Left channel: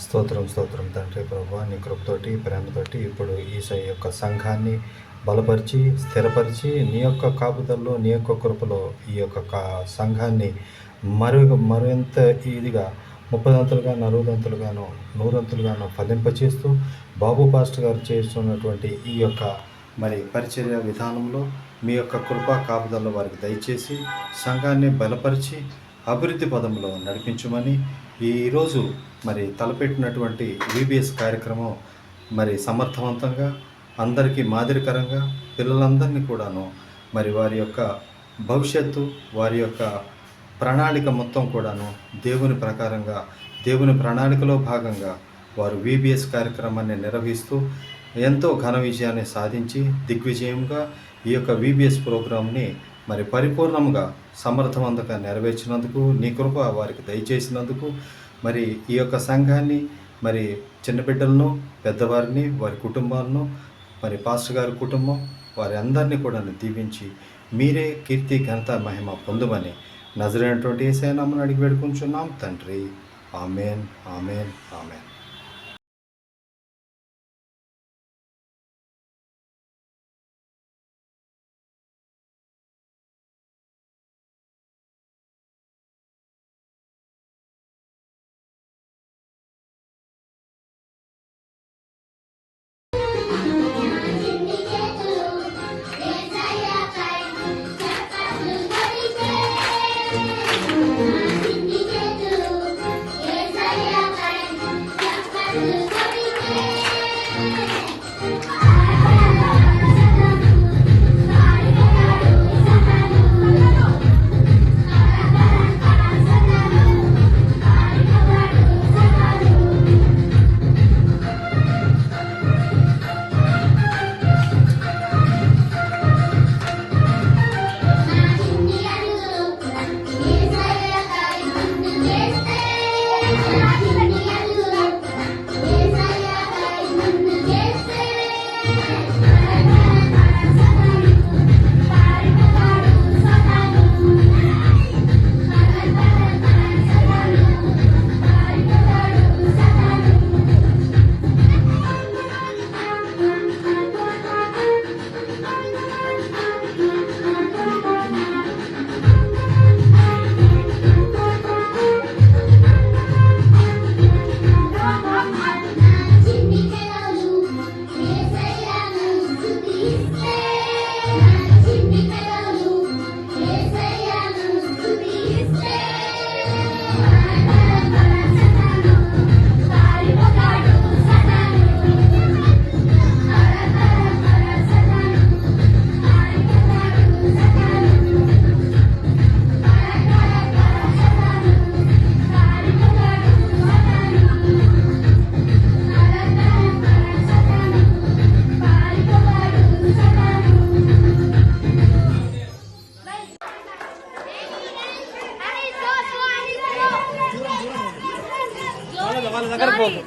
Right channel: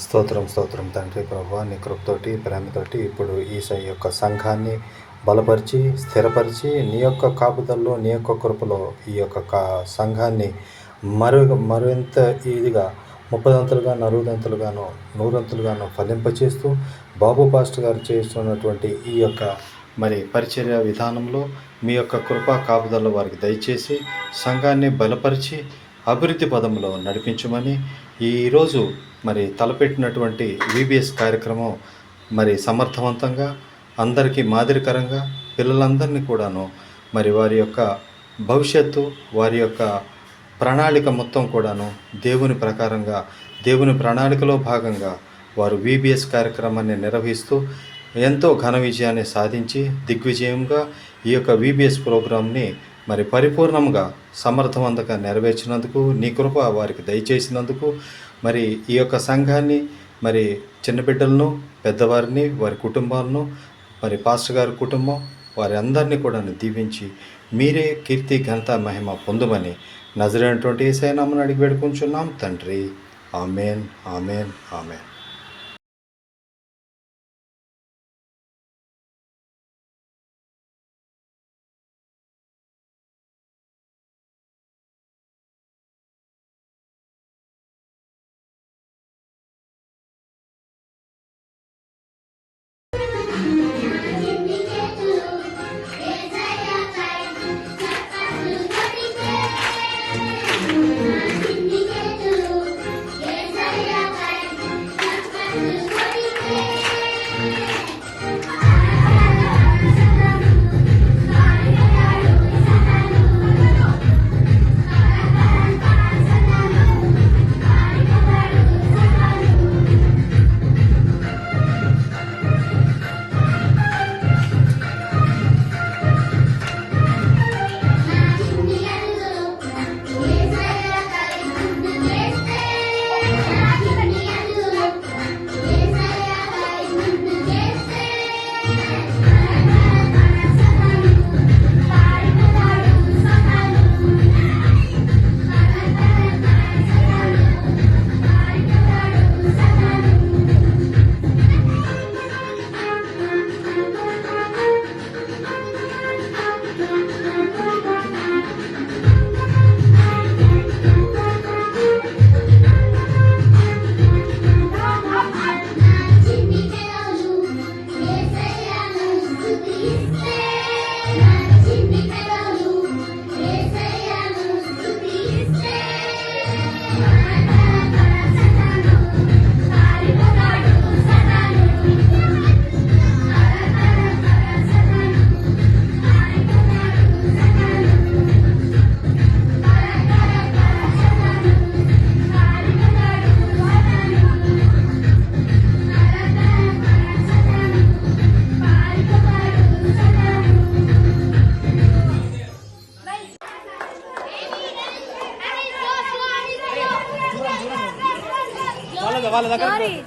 స్తోత్రం స్తోత్రం తండ్రి ప్రభువా, నీ కృపతోటి ప్రేమతోటి ఇప్పుడు ఈ యొక్క సంఘాన్ని బలపరిచి స్థిరపరిచి నీ యొక్క కాపుదల్లో నీ యొక్క కృపలో ఈ యొక్క సంఘాన్ని మరింత ఇదిగా 30 40 100 ఫలింపచేస్తూ బాబు పాస్టర్ గారు చేస్తున్నటువంటి ఈ యొక్క పరిచర్య విధానంలో మీ యొక్క కృపా కాపుదల్లో వారికి దయచేసి సంఘాన్ని బలపరిచి అభివృద్ధి పదంలో నడిపించమని ఈరోజు తలపెట్టినటువంటి VBS కార్యక్రమం సమర్థవంతంగా అందరికీ మాదిరికరంగా పిల్లలందరినీ కూడాను వారి యొక్క భవిష్యత్తు వారి యొక్క ప్రణాళిక మొత్తం కూడాను దేవుని ప్రకారంగా దేవుని ప్రణాళికలో భాగంగా వారు VBS కార్యక్రమాన్ని నిర్వహిస్తూ ఎంతో ఘన విజయాన్ని సాధించి దిగ్విజయంగా ఈ యొక్క VBS ప్రోగ్రాంని పరిపూర్ణంగా సమర్థవంతంగా నెరవేర్చినందుకు నీ కృప వారికి దయచేసినందుకు ఈ యొక్క సంఘాన్ని చిన్న బిడ్డలను పెద్దవారిని వారి కుటుంబాలను పాస్టర్ గారి కుటుంబం వారి అందరినీ కూడా దీవించి మీరే కీర్తి ఘనత మహిమ పొందుమని నజరైనటువంటి యేసయ్య నామమున అడిగి వేడుకుంటున్నాం తండ్రి. ఆమేన్ ఆమేన్ ఆమేన్. వాళ్ళ దగ్గర పోదు.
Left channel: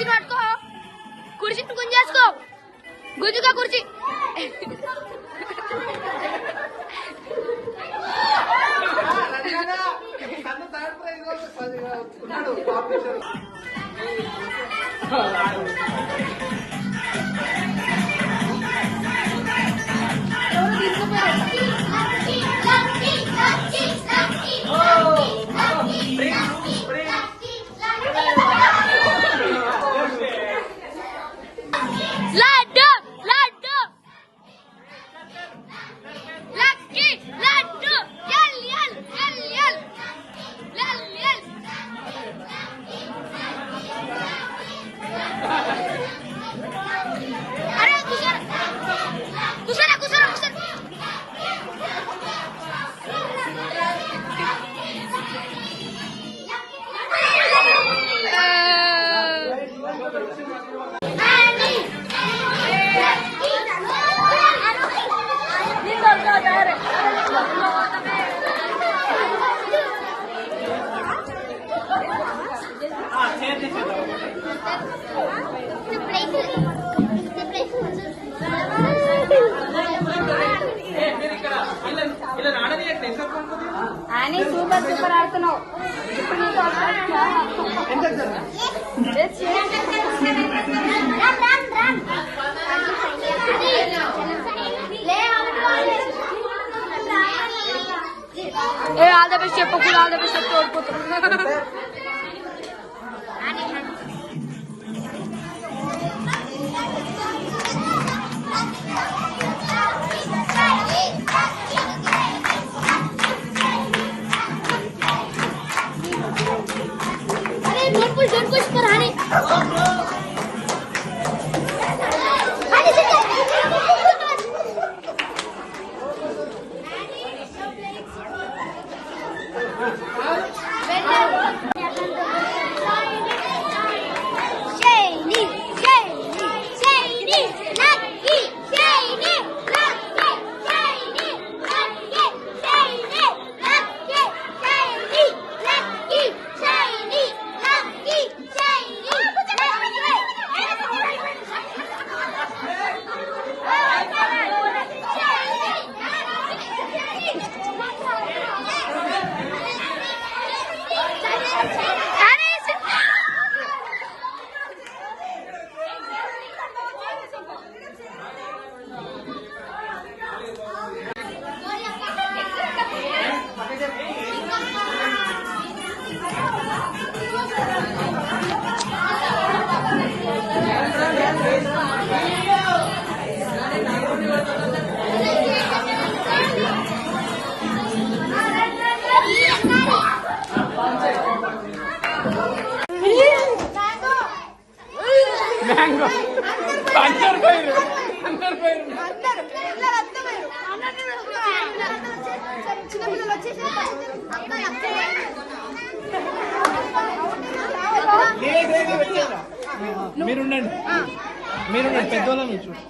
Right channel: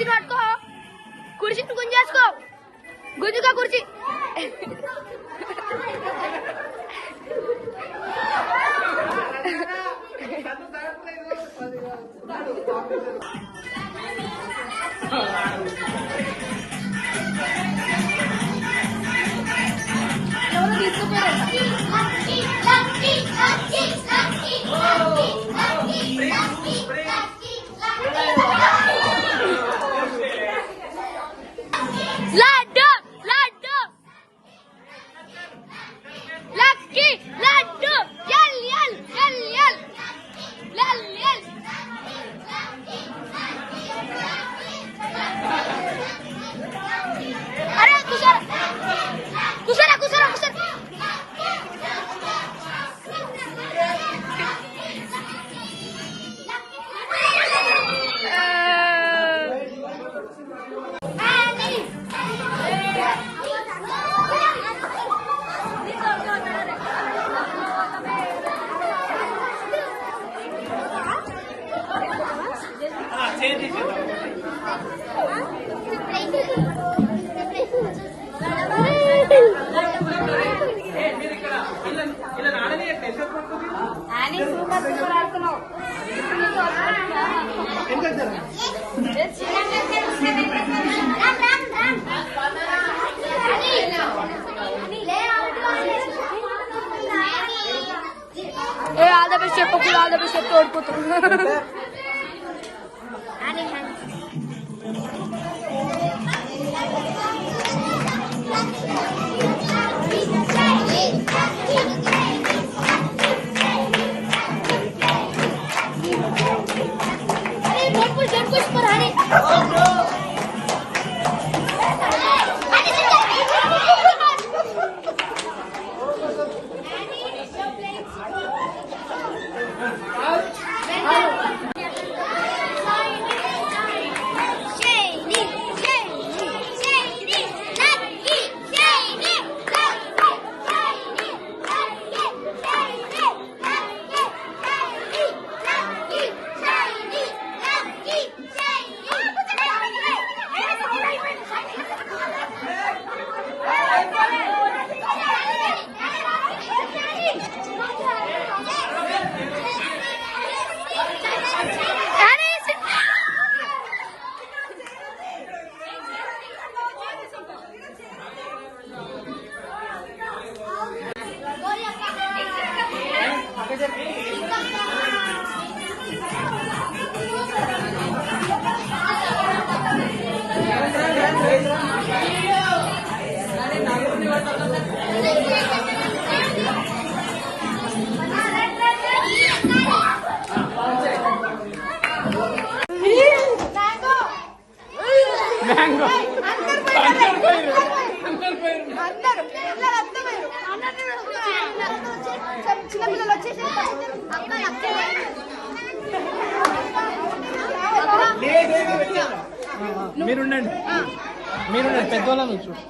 కుర్చీని పట్టుకో, కుర్చీని గుంజేసుకో, గుంజుకో కుర్చీ. Laddu laddu lucky laddu L L L L L L. అరే కూసరా కూసరా కూసరా కూసరా. ఏ ఆల్ ద బెస్ట్ చెప్పకుండా ఆల్ ద బెస్ట్ చెప్తే ఓడిపోతారు. Don't push for honey. Mango చిన్నపిల్లలు వచ్చేసి మీరుండండి పెద్దోళ్ళని చూడు.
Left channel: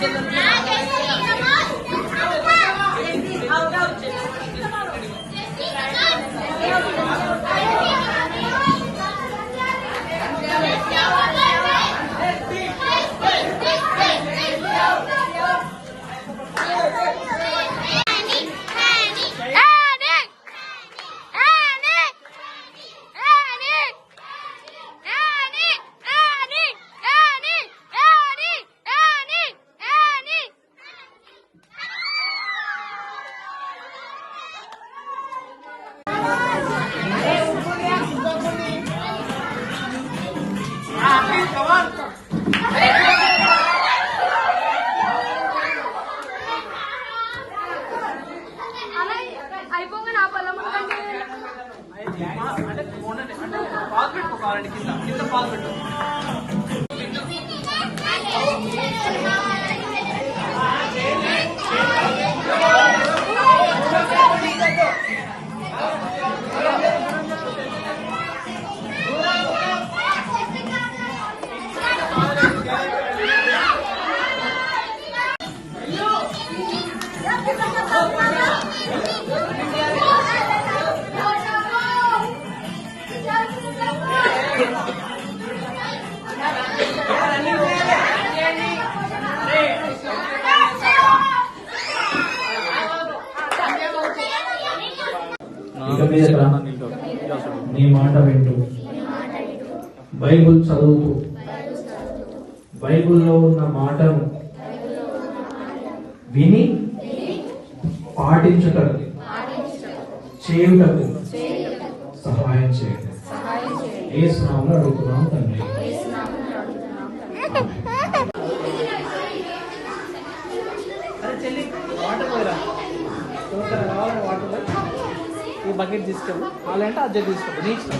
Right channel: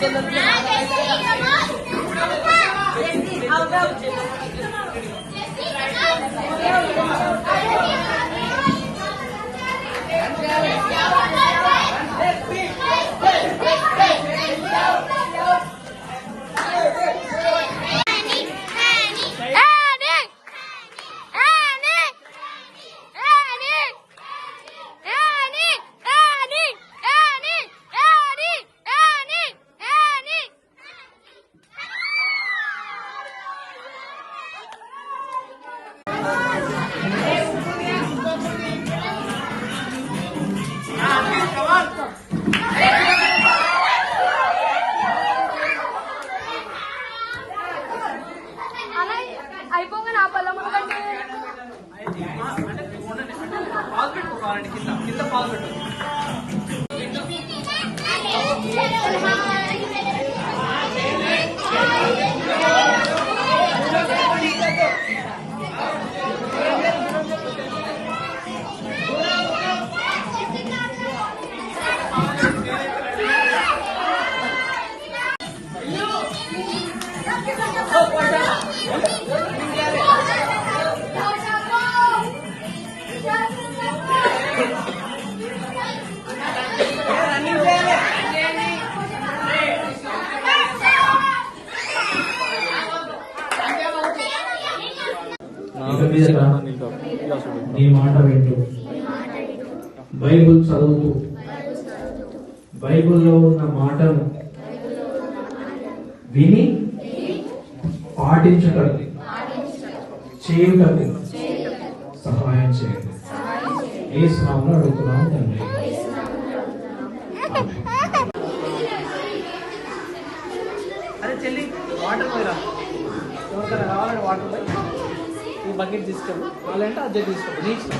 చెల్లెలు అలా అయిపోగా నా పొలం కంటే పాలు పెట్టుకోవాలండి, కింద కింద పాలు పెట్టు. ఇక మీద నీ మాట వింటూ బైబుల్ చదువుతూ బైబుల్లో ఉన్న మాటను విని పాటించుటకు చేయుటకు సహాయం చేయండి. యేసు నామములో అడుగుతున్నాం తండ్రి. అరే చెల్లి, వాటర్ పోయిరా. ఎవరికైనా కావాలంటే వాటర్ పోయి ఈ బకెట్ తీసుకెళ్ళు, వాళ్ళంటే అద్దె తీసుకోండి. నీ ఇష్టం.